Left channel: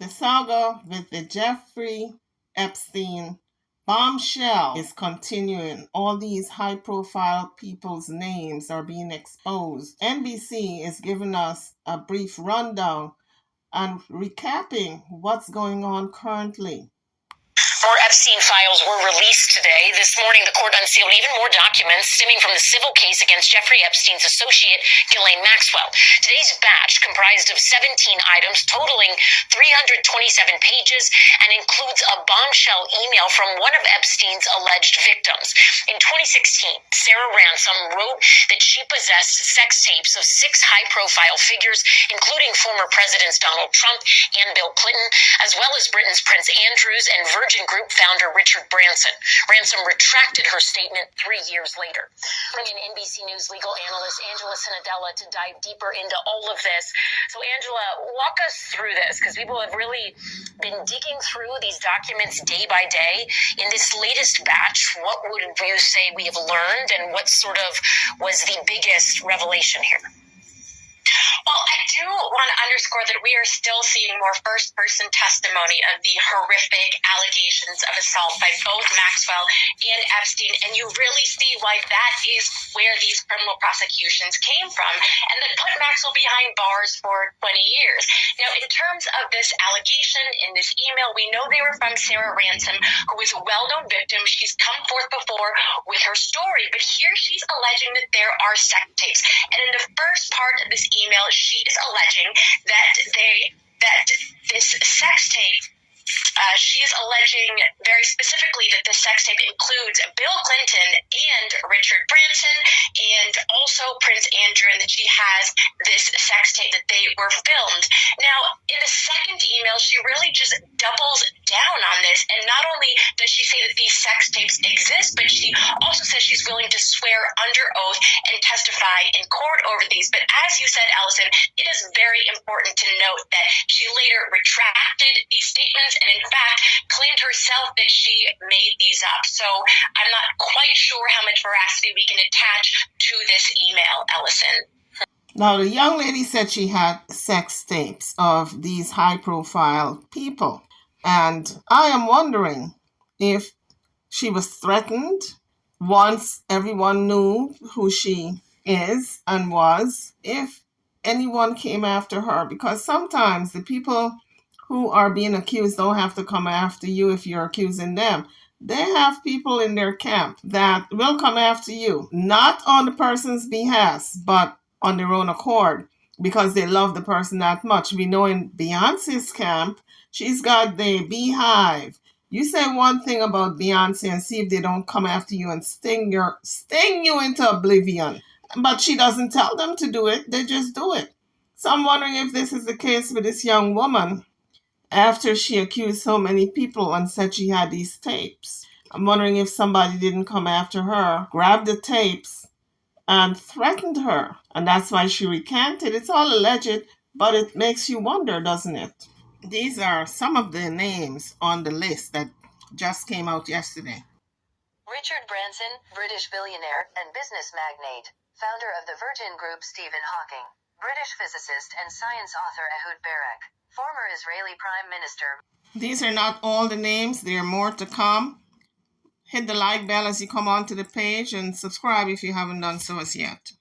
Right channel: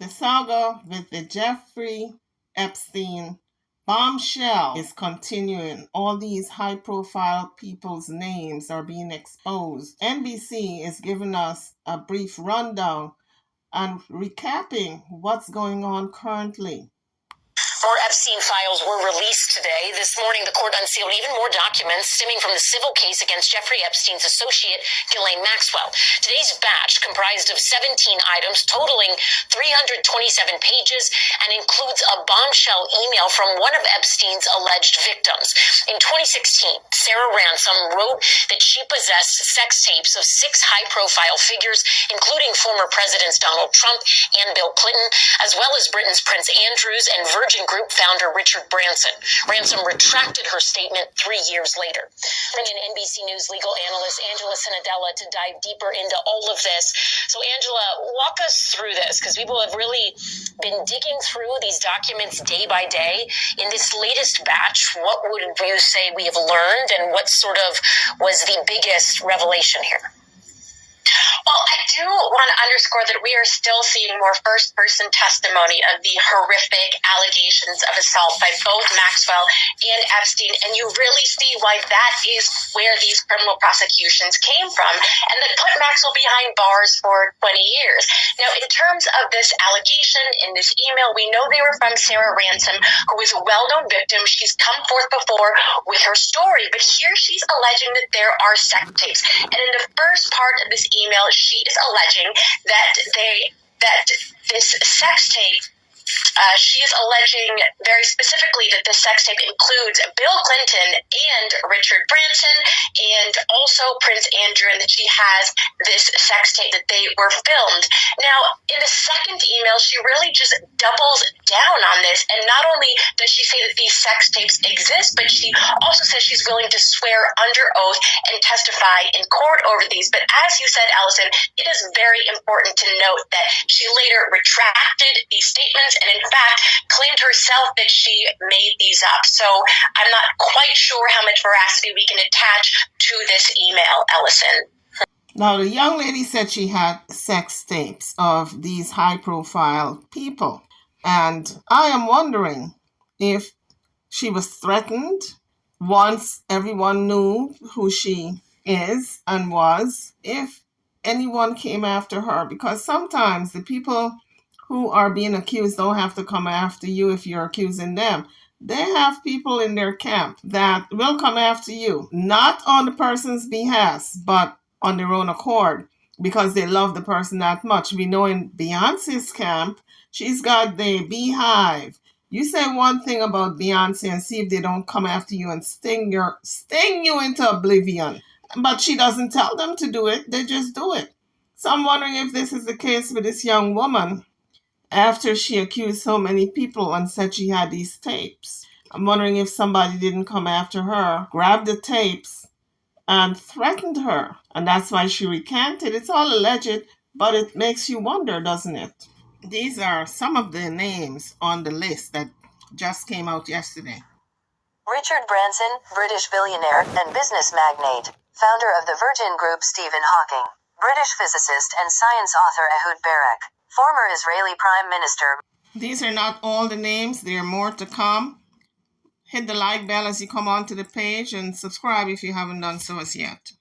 The saga with the Jeffrey Epstein bombshell is continuing. All these high-profile people's names are being exposed. NBC is giving us a brief rundown and recapping what's going on currently. More Epstein files were released today. This morning, the court unsealed even more documents stemming from the civil case against Jeffrey Epstein's associate, Ghislaine Maxwell. Today's batch comprised of 17 items totaling 327 pages and includes a bombshell email from one of Epstein's alleged victims. In 2016, Sarah Ransom wrote that she possessed sex tapes of 6 high-profile figures, including former presidents Donald Trump and Bill Clinton, as well as Britain's Prince Andrews and Virgin Group founder Richard Branson. Ransom retracted her statement 3 years later. Bring in NBC News legal analyst Angela Sinadella to dive deeper into all of this. So Angela, walk us through this, because people have really been digging through these documents day by day. In this latest batch, what would you say we have learned, and what sort of was the biggest revelation here? Well, I do want to underscore that we are still seeing more first-person testimony of the horrific allegations of assault by both Maxwell and Epstein, and you really see why that is where these criminal prosecutions came from, and that put Maxwell behind bars for 20 years. Now, in terms of this allegation in this email, we know they were from Sarah Ransom, who is a well-known victim. She's come forth before with her story, but here she's alleging that there are sex tapes. And in the first part of this email, she is alleging that this sex tape, she is alleging very specifically that this sex tape includes Bill Clinton and Richard Branson and also Prince Andrew, and that she has this sex tape that they were filmed. Now, in the second email, she really just doubles down on this, and not only does she say that these sex tapes exist, but she also says she's willing to swear under oath and testify in court over these. But as you said, Allison, it is very important to note that she later retracted these statements and in fact claimed herself that she made these up. So I'm not quite sure how much veracity we can attach to this email, Allison. Now, the young lady said she had sex tapes of these high-profile people. And I am wondering if she was threatened once everyone knew who she is and was, if anyone came after her. Because sometimes the people who are being accused don't have to come after you if you're accusing them. They have people in their camp that will come after you, not on the person's behalf, but on their own accord, because they love the person that much. We know in Beyonce's camp, she's got the beehive. You say one thing about Beyonce and see if they don't come after you and sting you into oblivion. But she doesn't tell them to do it, they just do it. So I'm wondering if this is the case with this young woman. After she accused so many people and said she had these tapes, I'm wondering if somebody didn't come after her, grabbed the tapes, and threatened her. And that's why she recanted. It's all alleged, but it makes you wonder, doesn't it? These are some of the names on the list that just came out yesterday. Richard Branson, British billionaire and business magnate, founder of the Virgin Group Stephen Hawking, British physicist and science author Ehud Barak, former Israeli Prime Minister. These are not all the names. There are more to come. Hit the like bell as you come onto the page and subscribe if you haven't done so as yet.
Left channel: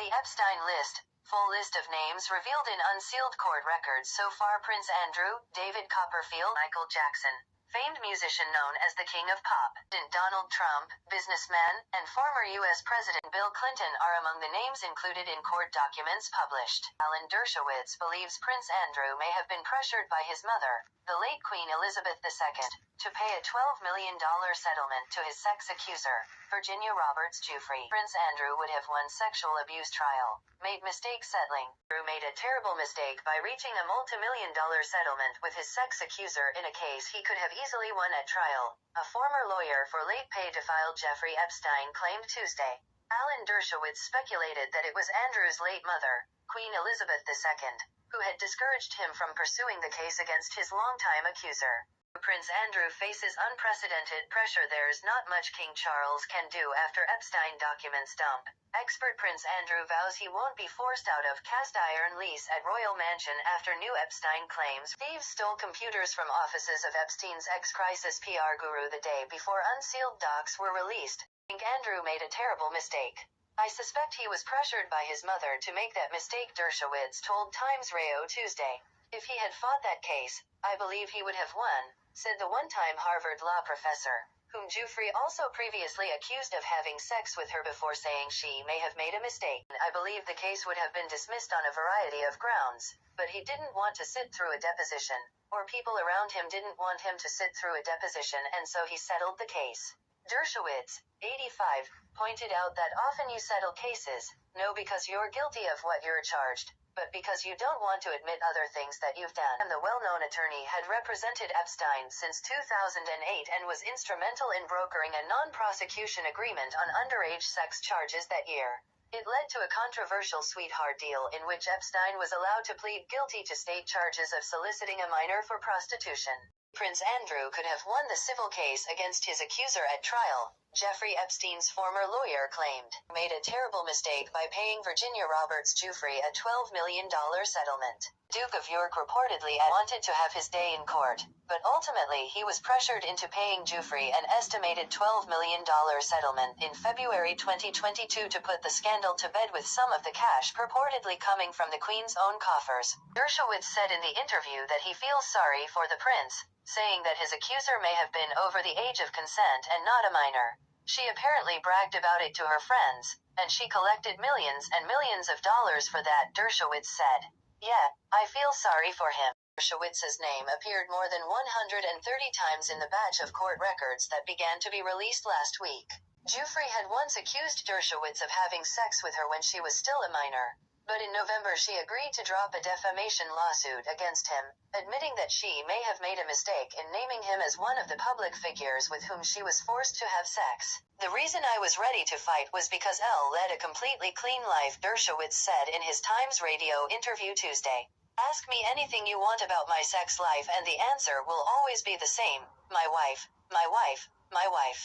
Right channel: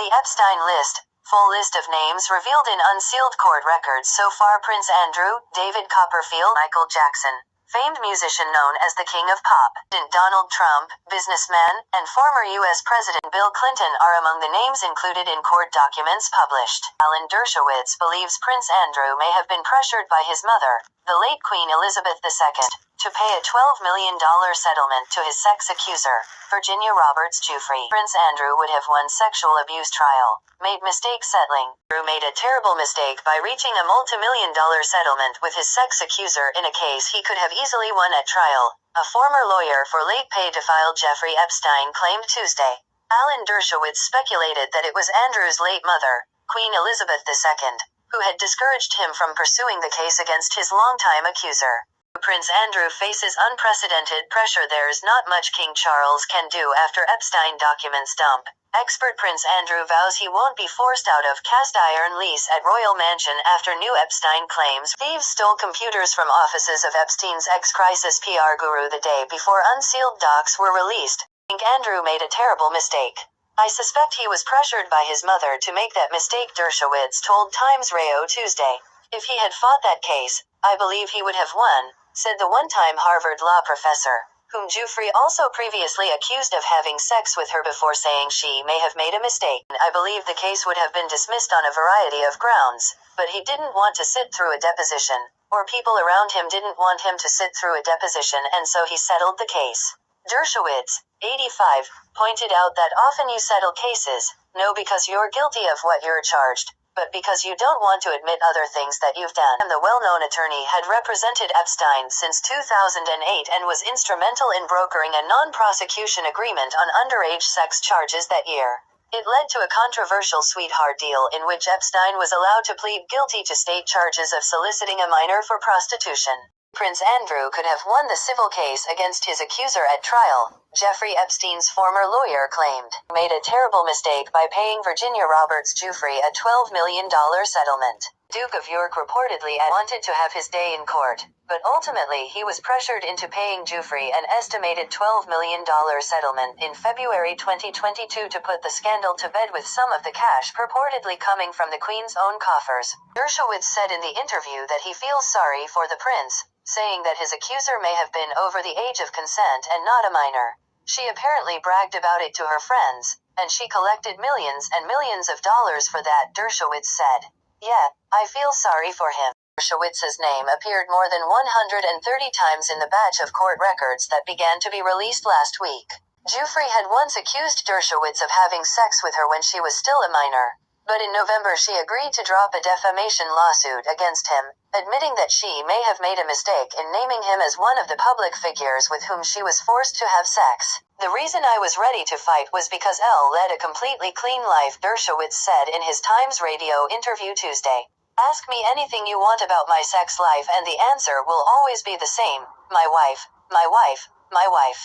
The Epstein list. Full list of names revealed in unsealed court records so far: Prince Andrew, David Copperfield, Michael Jackson, famed musician known as the King of Pop, Donald Trump, businessman, and former U.S. President Bill Clinton are among the names included in court documents published. Alan Dershowitz believes Prince Andrew may have been pressured by his mother, the late Queen Elizabeth II, to pay a $12 million settlement to his sex accuser, Virginia Roberts Giuffre. Prince Andrew would have won sexual abuse trial, made mistake settling. Andrew made a terrible mistake by reaching a multi-million-dollar settlement with his sex accuser in a case he could have easily won at trial, a former lawyer for late pedophile Jeffrey Epstein claimed Tuesday. Alan Dershowitz speculated that it was Andrew's late mother, Queen Elizabeth II, who had discouraged him from pursuing the case against his longtime accuser. Prince Andrew faces unprecedented pressure. There's not much King Charles can do after Epstein documents dump. Expert Prince Andrew vows he won't be forced out of cast iron lease at Royal Mansion after new Epstein claims thieves stole computers from offices of Epstein's ex-crisis PR guru the day before unsealed docs were released. I think Andrew made a terrible mistake. I suspect he was pressured by his mother to make that mistake, Dershowitz told Times Radio Tuesday. If he had fought that case, I believe he would have won, said the one-time Harvard law professor, whom Giuffre also previously accused of having sex with her before saying she may have made a mistake. I believe the case would have been dismissed on a variety of grounds, but he didn't want to sit through a deposition, or people around him didn't want him to sit through a deposition, and so he settled the case. Dershowitz, 85, pointed out that often you settle cases, no because you're guilty of what you're charged, but because you don't want to admit other things that you've done. The well-known attorney had represented Epstein since 2008 and was instrumental in brokering a non-prosecution agreement on underage sex charges that year. It led to a controversial sweetheart deal in which Epstein was allowed to plead guilty to state charges of soliciting a minor for prostitution. Prince Andrew could have won the civil case against his accuser at trial, Jeffrey Epstein's former lawyer claimed. He made a terrible mistake by paying Virginia Roberts Giuffre a $12 million settlement. Duke of York reportedly wanted to have his day in court, but ultimately he was pressured into paying Giuffre an estimated $12 million settlement in February 2022 to put the scandal to bed, with some of the cash purportedly coming from the Queen's own coffers. Dershowitz said in the interview that he feels sorry for the prince, saying that his accuser may have been over the age of consent and not a minor. She apparently bragged about it to her friends, and she collected millions and millions of dollars for that, Dershowitz said. Yeah, I feel sorry for him. Dershowitz's name appeared more than 130 times in the batch of court records that began to be released last week. Giuffre had once accused Dershowitz of having sex with her when she was still a minor, but in November she agreed to drop a defamation lawsuit against him, admitting that she may have made a mistake in naming him as one of the public figures with whom she was forced to have sex. The reason I was ready to fight was because Elle led a completely clean life, Dershowitz said in his Times Radio interview Tuesday. Ask me anything you want about my sex life and the answer will always be the same: my wife, my wife, my wife.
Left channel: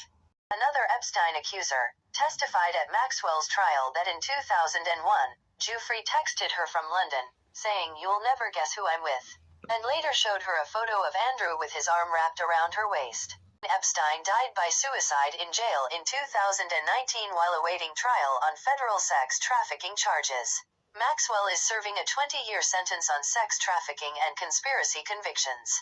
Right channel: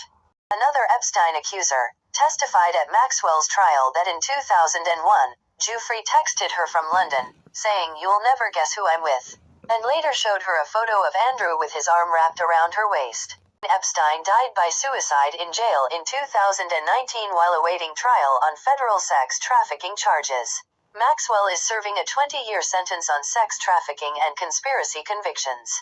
Another Epstein accuser testified at Maxwell's trial that in 2001, Giuffre texted her from London, saying, "You'll never guess who I'm with," and later showed her a photo of Andrew with his arm wrapped around her waist. Epstein died by suicide in jail in 2019 while awaiting trial on federal sex trafficking charges. Maxwell is serving a 20-year sentence on sex trafficking and conspiracy convictions.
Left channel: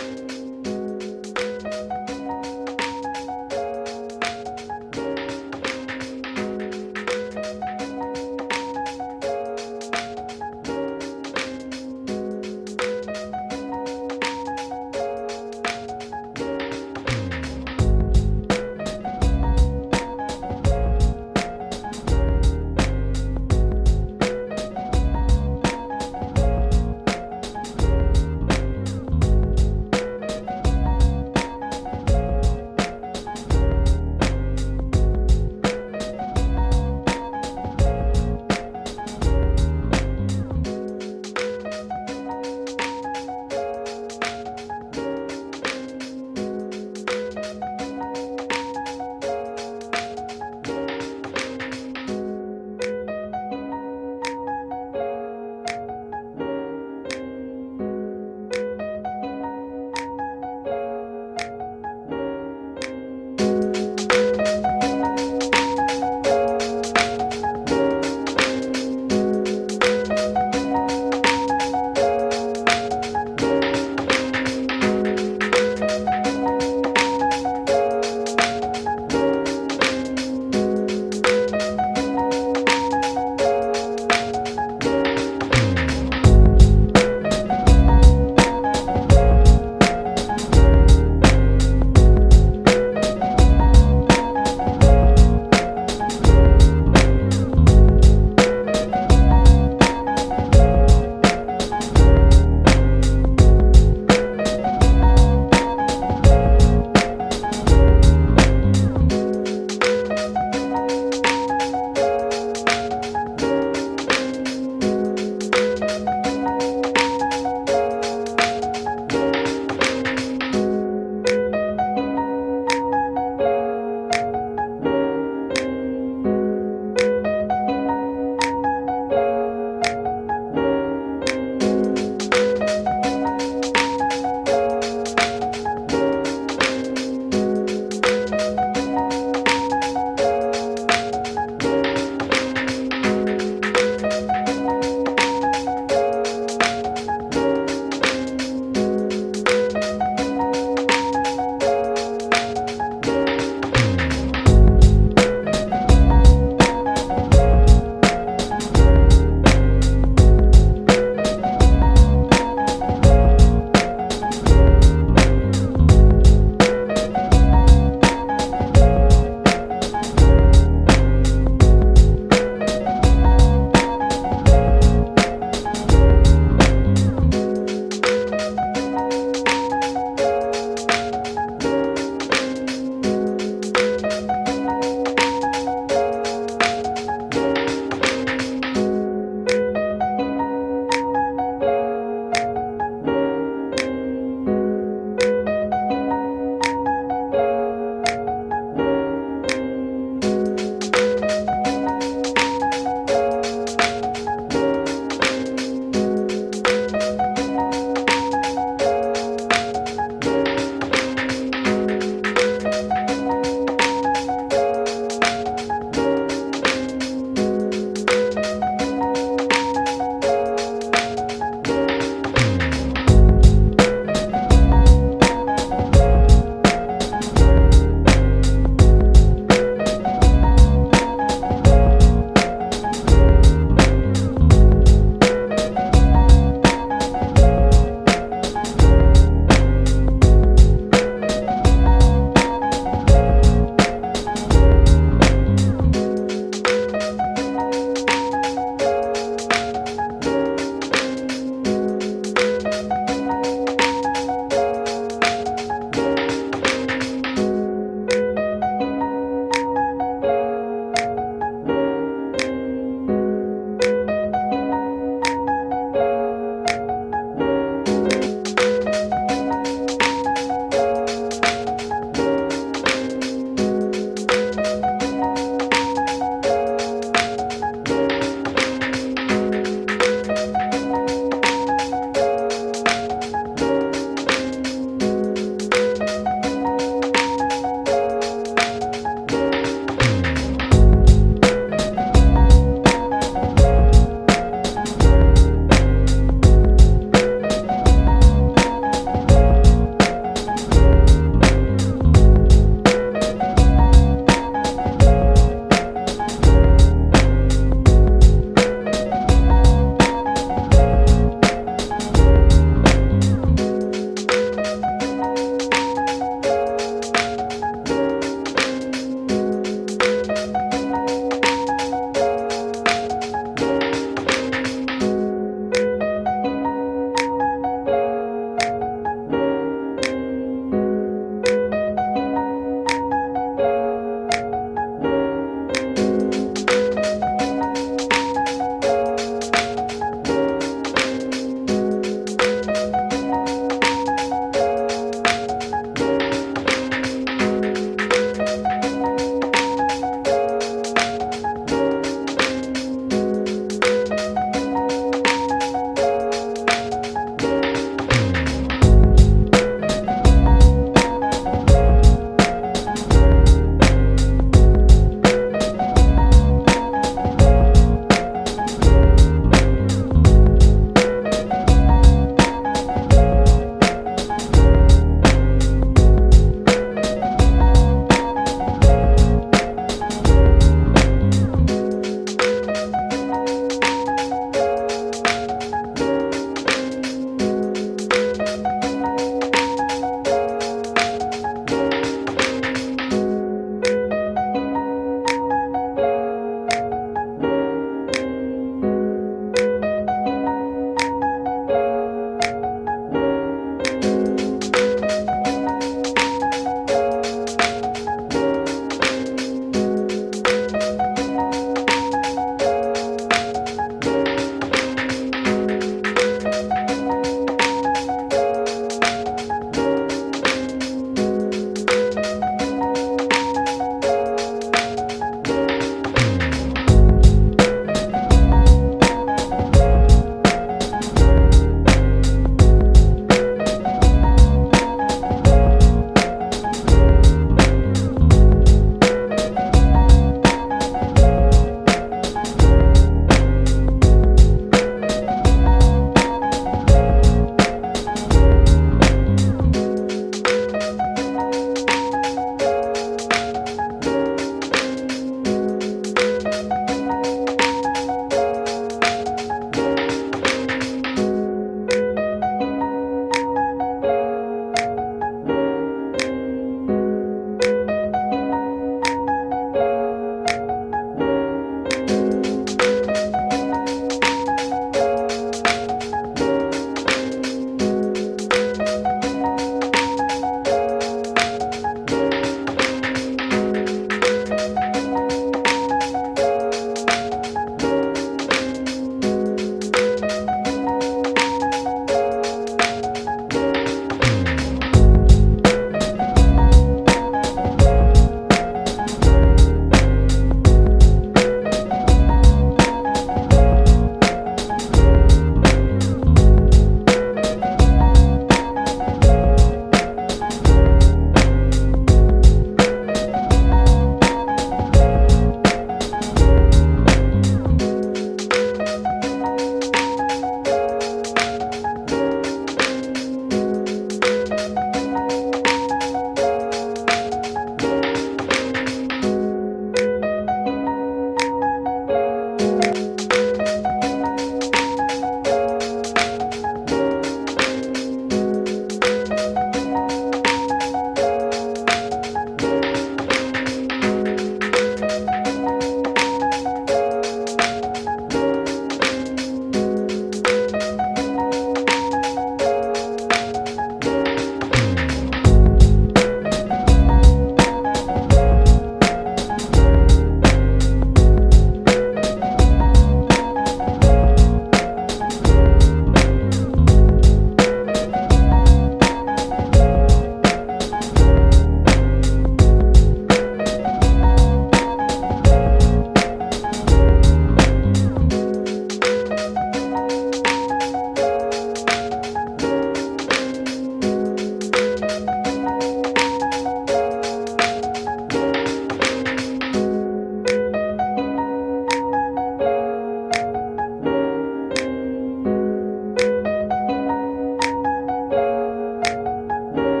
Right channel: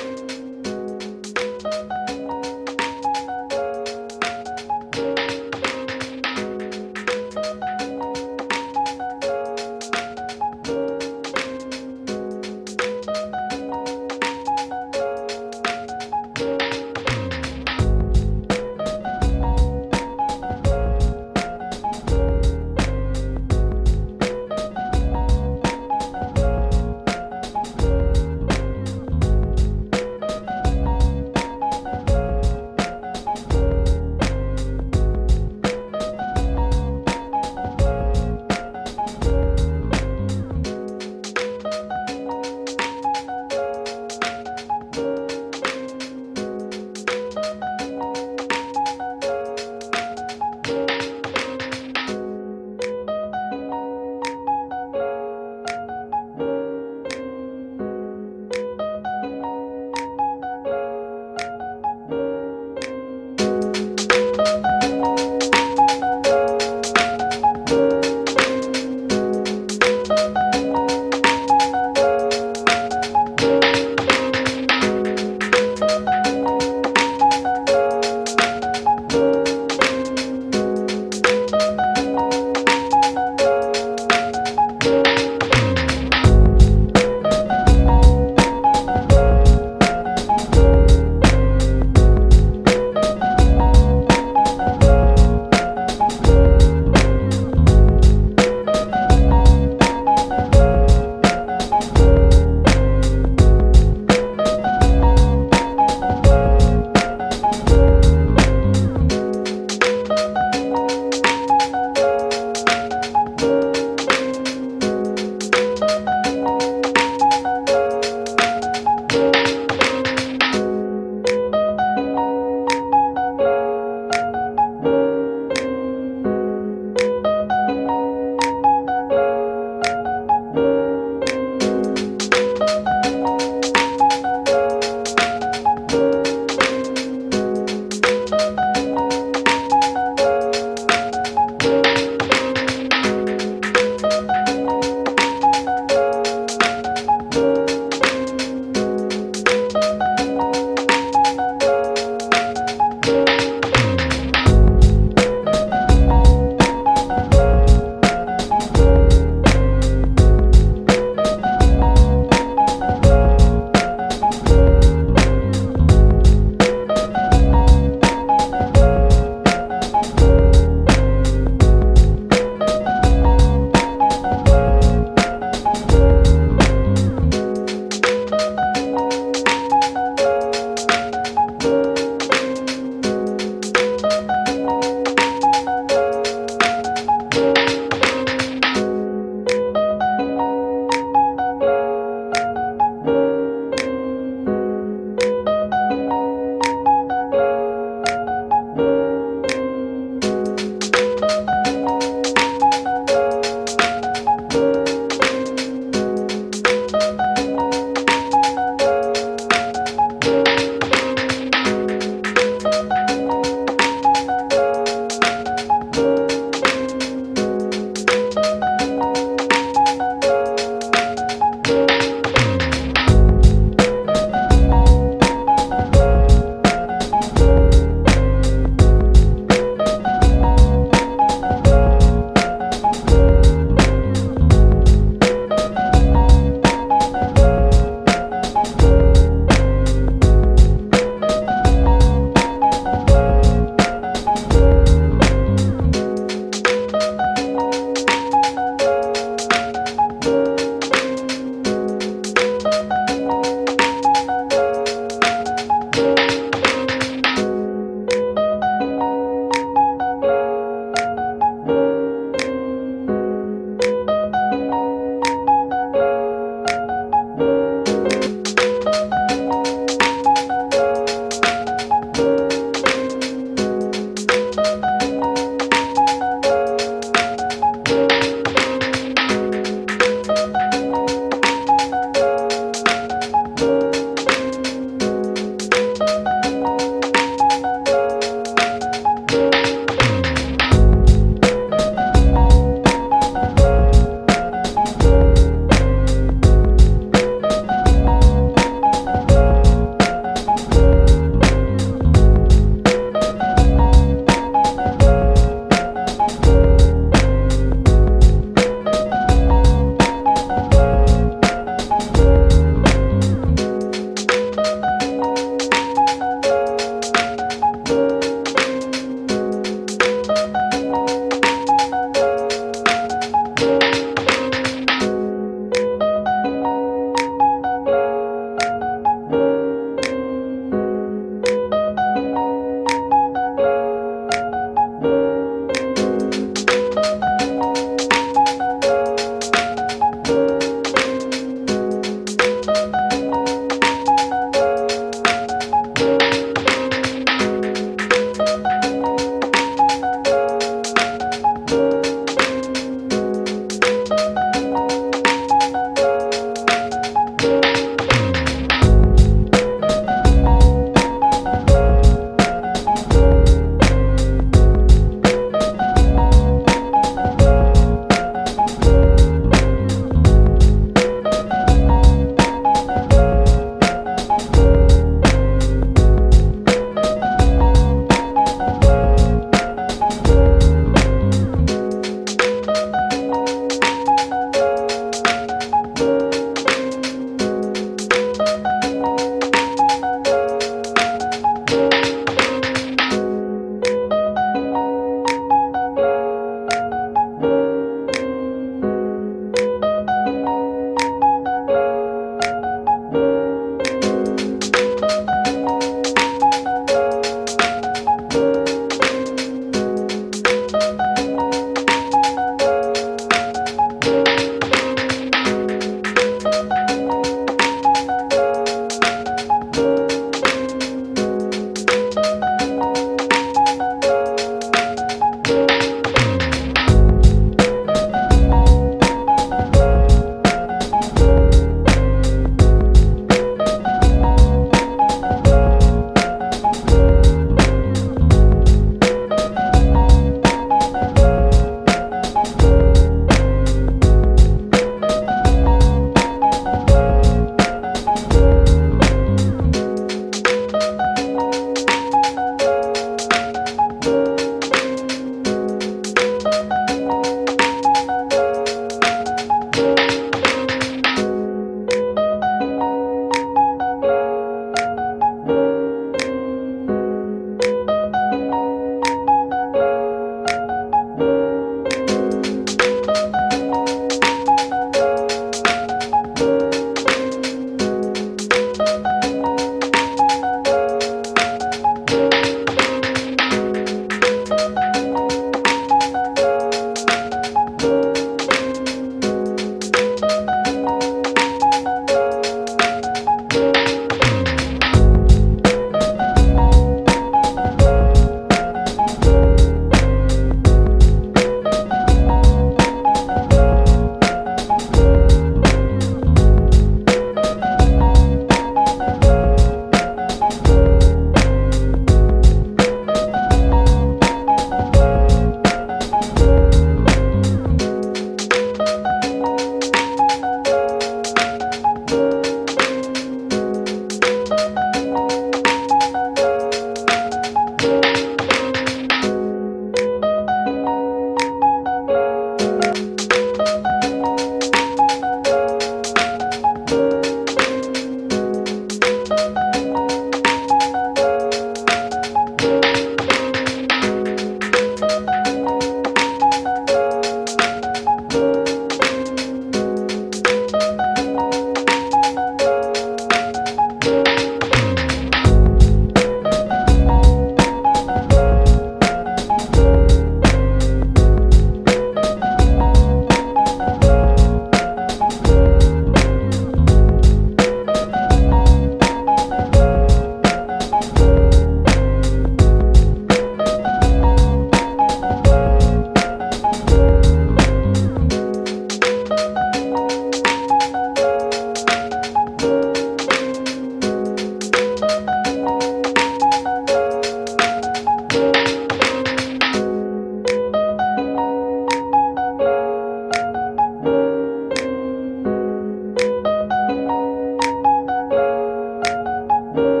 you.